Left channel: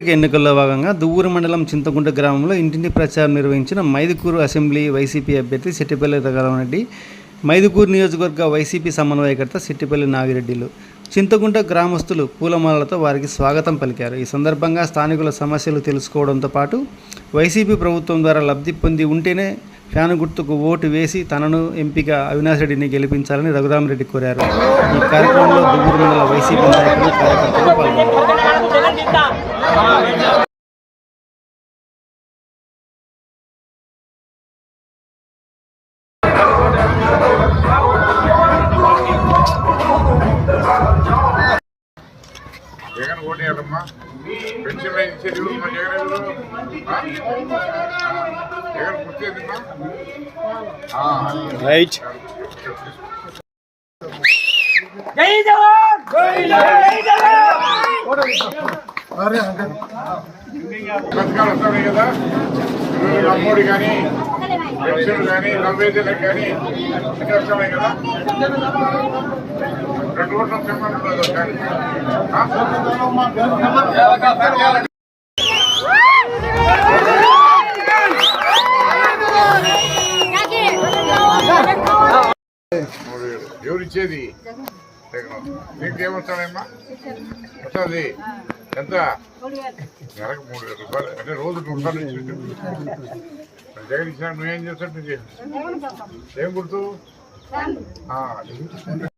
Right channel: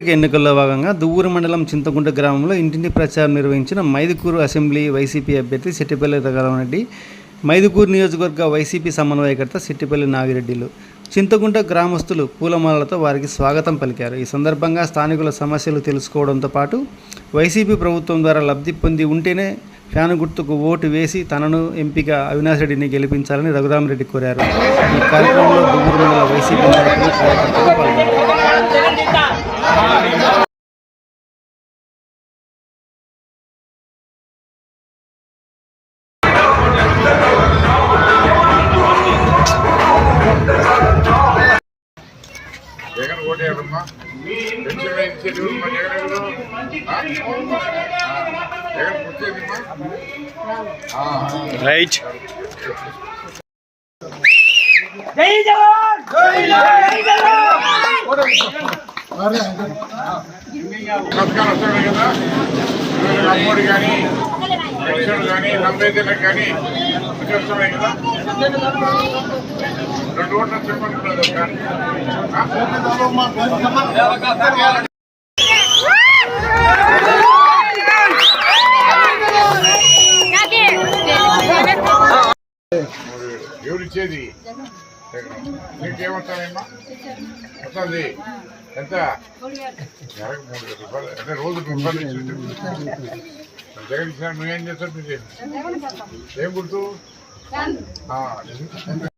ఎన్నికల్లో భాగంగా దువ్వూరు మండలం చింతకుంట గ్రామంలో ఇంటింటి ప్రచారం నిర్వహించిన మైదుకూరు అసెంబ్లీ వైసీపీ అభ్యర్థి సిట్టిపల్లి రఘురామరెడ్డి, మైదుకూరు నియోజకవర్గ వైసీపీ సమన్వయకర్త సిట్టిపల్లి నాగిరెడ్డిలు చింతకుంట గ్రామస్తులు పూలమాలలతో వారికి స్వాగతం పలికారు. ఈ సందర్భంగా స్థానికుల సమస్యలు తెలుసుకోవడంతో పాటు వైసీపీ ప్రభుత్వం ద్వారా లబ్ధి పొంది ఉంటేనే ఫ్యాను గుర్తుకు ఓటు వేసి తనను ఎంపిక అవినాష్ రెడ్డిని గెలిపించాలని రఘురామరెడ్డి కోరారు. ఈ కార్యక్రమంలో దువ్వూరు మండల వైసీపీ నాయకులు, కార్యకర్తలు పాల్గొన్నారు. జగన్ ఓటేయాలమ్మా. పెన్షన్ ఇచ్చేది మా జగన్ జగన్ కూర్చేదిమ్మా. రైట్. జై జవాన్, పథకాలు వస్తాయి కదా, అమ్మోడి కానీ పెన్షన్ కానీ 45 కానీ వస్తున్నాయి కదా. 2 ఓట్ల చెప్పండి కానీ ఎవరిచ్చేది నీకేమొస్తానమ్మా? వస్తుంది ఎంత? నెలకు 3,000 రూపాయలు అంటే రోజు రూపాయలు ఇచ్చి జగన్ ఇచ్చిన నువ్వేం చేస్తావు? ఏం గుర్తు?